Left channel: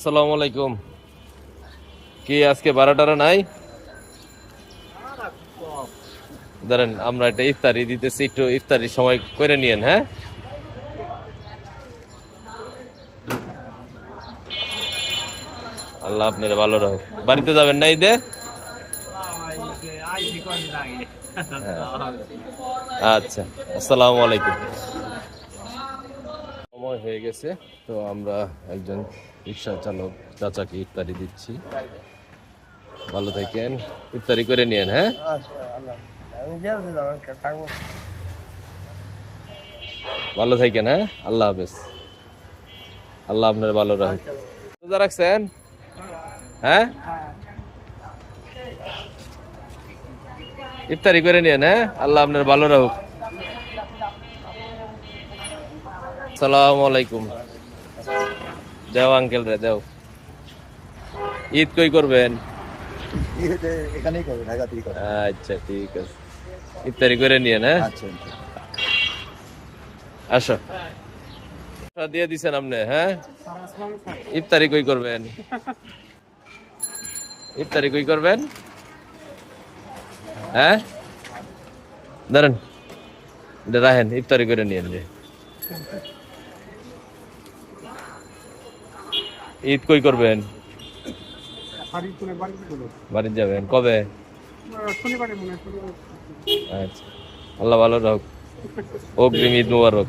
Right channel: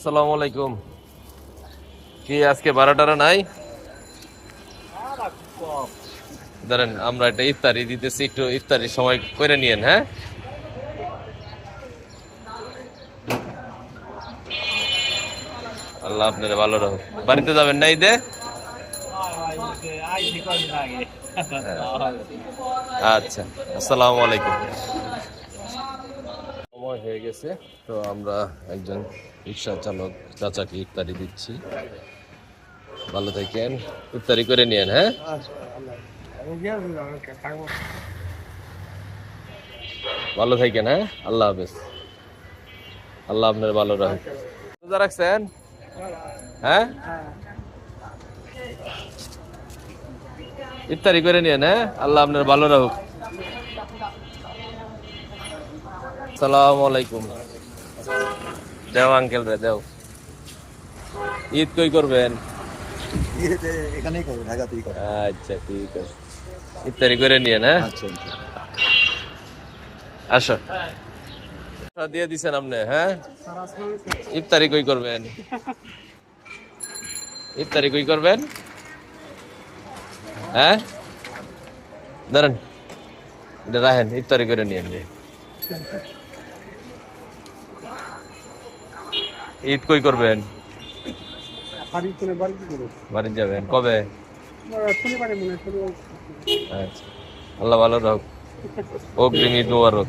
আসসালামু আলাইকুম। কি আজকে 12টার নাই? ধরেন আমরা একটা ইফতারি দিতেছি, একটু ইফতারির সময় করে নিয়েন। হ্যাঁ, আল্লাহ আপনার ভালো রাখুক। বাড়িতে যাবেন না ঈদে? আচ্ছা, আসসালামু আলাইকুম। সময় হয়ে গেছে, তো আমরা একজন রিক্সা চালক চাচাকে ইফতারি দিচ্ছি। ভালো থাকেন, ইফতারি করে নিয়েন। হ্যাঁ, ভালো থাকেন। হ্যাঁ, আল্লাহ হাফেজ। আল্লাহ আপনার ভালো রাখুক। রোজা রাখছেন? হ্যাঁ, ইফতারি করে নিয়েন। হ্যাঁ, আল্লাহ আপনার ভালো রাখুক। সালামু আলাইকুম। দেও আঙ্কেল রে, দেও। ঈদ কই করবেন? এখানেই করবো, ঢাকাতেই করবো। আচ্ছা, ঠিক আছে, ইফতারি করে নিয়েন। হ্যাঁ, আচ্ছা, আসো। দিয়ে দিছেন আপনি? হ্যাঁ, ইফতারি কই করবেন? ইফতারি কই করবেন? হ্যাঁ, দাঁড়ান, এটা রাখেন, ইফতারি করে নিয়েন। যে ঈদ কই করবেন? বাড়ি যাবেন কবে? আচ্ছা, আল্লাহ ভালো রাখুক। অগ্রিম ঈদ মুবারক।